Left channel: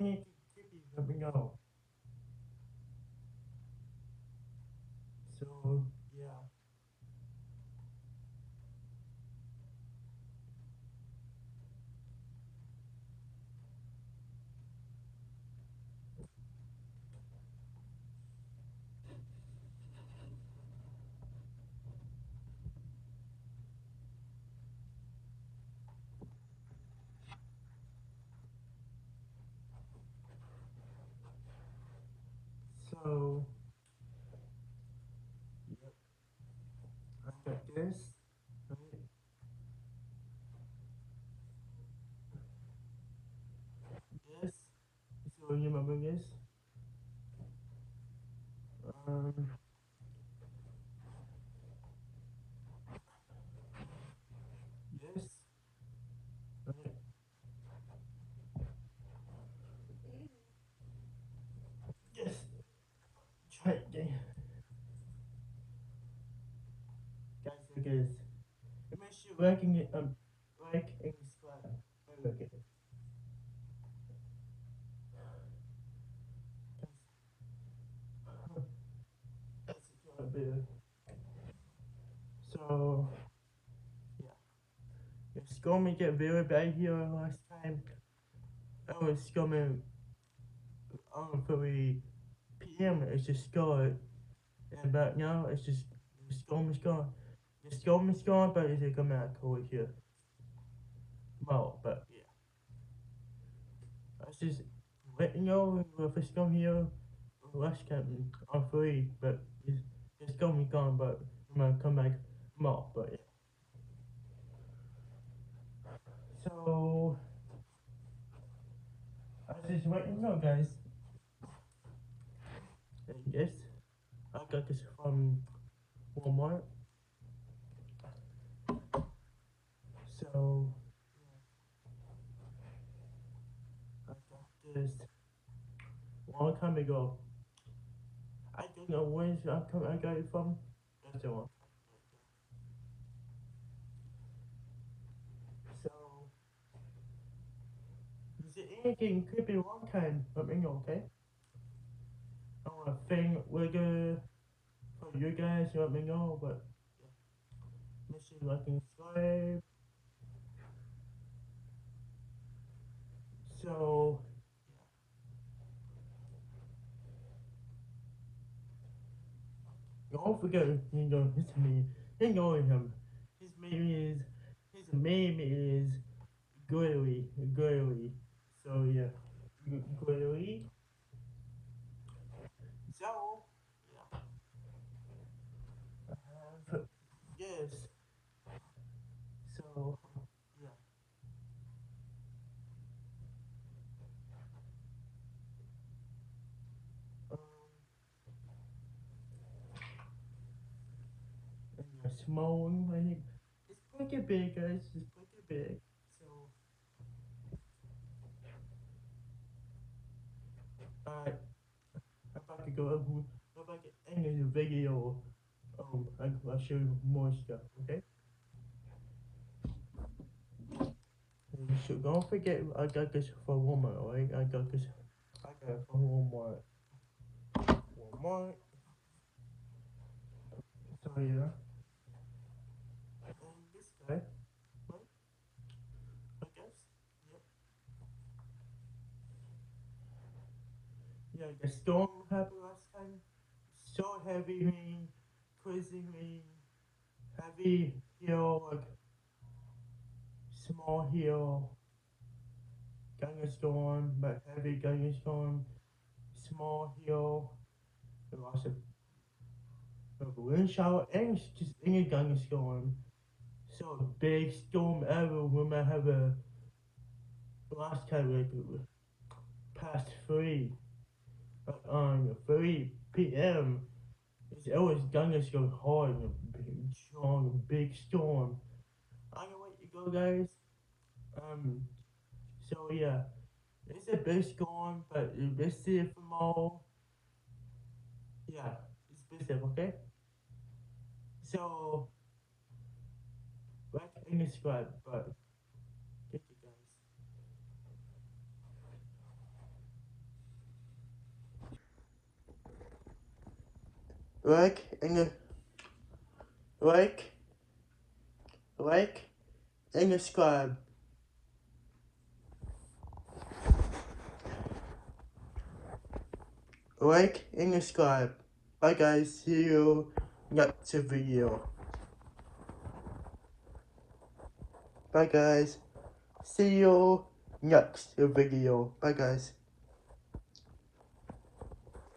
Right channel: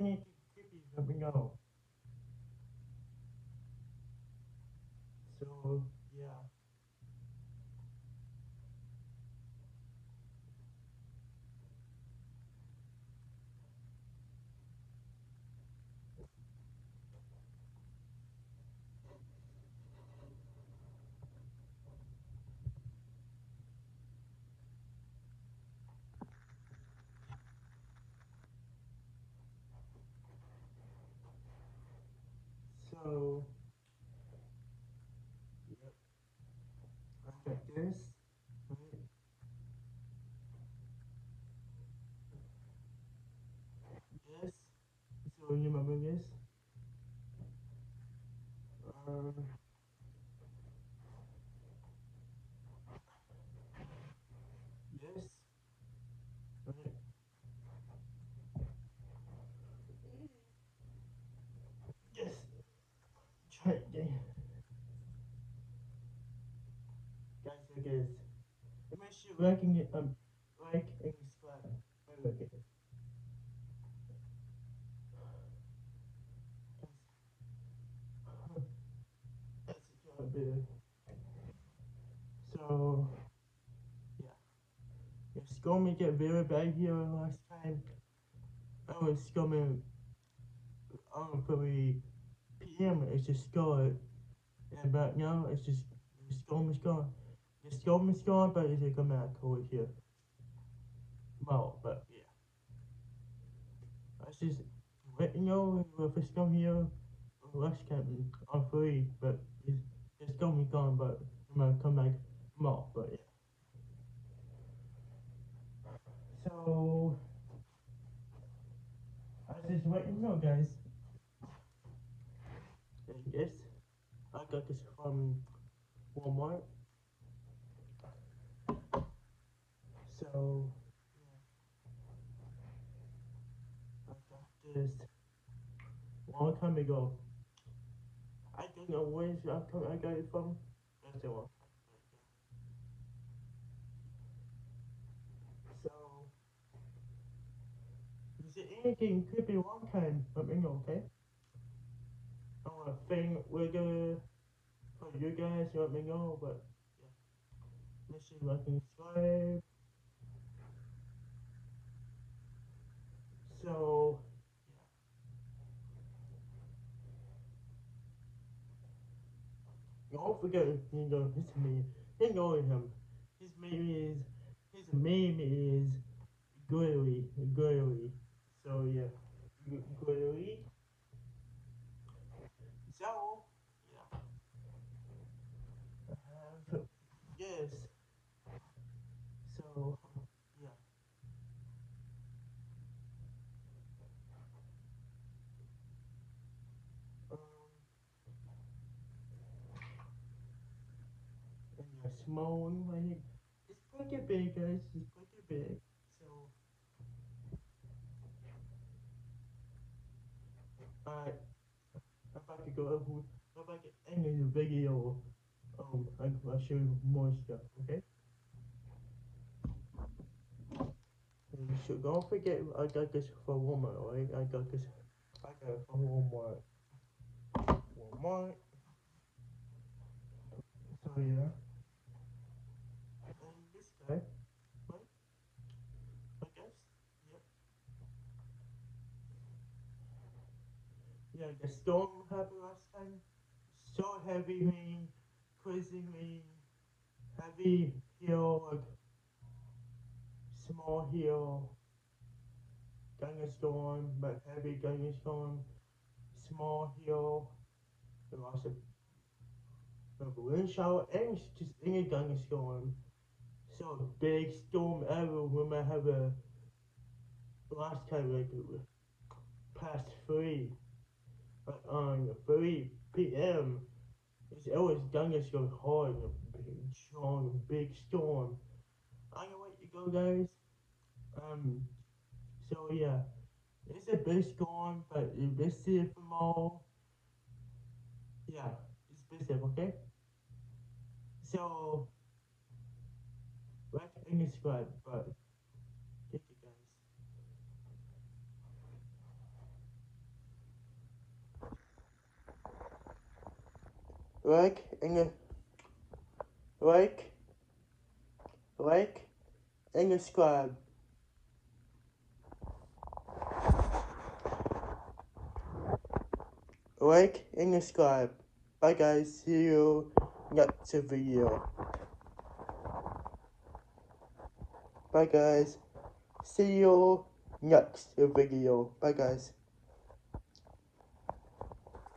anything creepy, let me know. So, yeah. So, yeah, I got this, right? This. So, you remember this? Um, this, right? Yes. Try it again. Guys, look at this. It makes you liking it, like and subscribe. And look at it. That's a bit. So, yeah. It's going to get very bad here last time. I was coming on 3 p.m. It's just gone. And but now it's just the storm is gone. The storm is gone, but it's coming out cold here. Well, but yeah. I just let you know if it's come here last time on 3, but it's going to be gone, but I'm going to come back tomorrow, but yeah. So, I just let you know, guys. And yes, I got this from Walmart. So, I got this a long time ago. I don't know when I got it from. That's the one. So, is it anything could be one kind? Let me know, okay? I want to think we're gonna for you guys. Let me know, but let me see if I can subscribe. So, don't forget, his name. You know him. His name is Gurley. Gurley. So yeah, Gurley. So yeah, I have yes. So yeah, um, and a small one. I think it's pretty big, guys. It's pretty big. So I if I could go if I could end the video, I'll show you more stuff. Okay. So don't forget, I got this for Walmart, right? I got this. I got it from Walmart. Walmart. So yeah. And this guy, right? I guess. Yep. Yeah, the storm happened last time. So heavy rain, crazy rain, heavy hill, like small hill, storm, but heavy storm, small hill, and lots of wind shower, and it's just any storm. So big storm ever when I have a last time like past 3 p.m. It's always go hard and big, strong, big storm. I know where you go, guys. Um, so yeah, it's a big storm, but let's see it from all. Yeah, it's big, okay? So, like and subscribe, but thank you guys. like and like and subscribe. Like and subscribe. Bye guys, see you next video. Bye guys, see you next video. Bye guys.